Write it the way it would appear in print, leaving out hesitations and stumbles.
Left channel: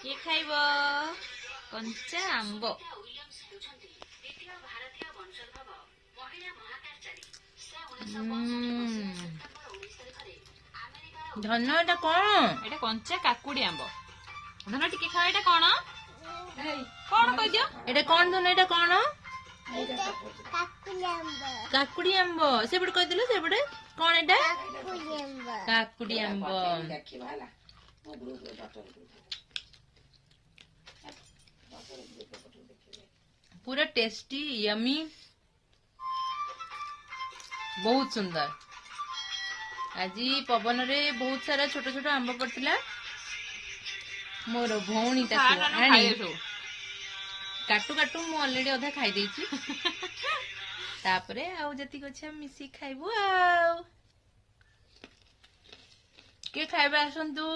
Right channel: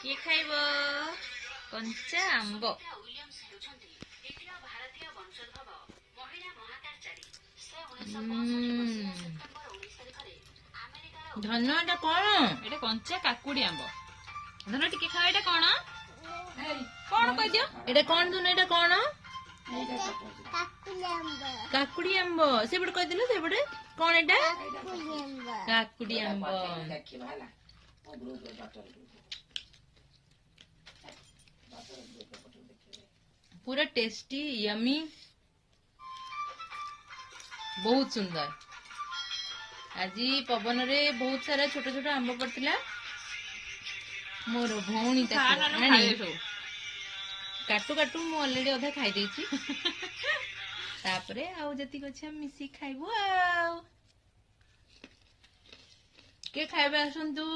କିଏ ଖାଇବ? କଞ୍ଚା ଆମ୍ବ। ଧନ ଏଟା କଣ? ଏଟା କଞ୍ଚା କାକୁଡି ଆମ୍ବ। ଧନ ଟିକେ ଖାଅ। ଏଟା କଣ? କଣ କହିଦିଅ? ଏଟା କଣ ଧନ? ଏଟା କଣ? କାକୁଡି ଆମ୍ବ। ସେପଟେ କହିଦେଲ। ସେପଟେ କଣ ଏଟା? କାକୁଡି ଆମ୍ବ। पूरा टेस्टी यमी बहुत सुंदर। आज पवन रे बहुत सारा छोट छोट आंब पड़ता। मोर भौणी काटू काटू मु ऑलरेडी अधा खाई देछि। तापरे आउ जति गछ मिसी खाइबो। आ के खाइबा आसंतु।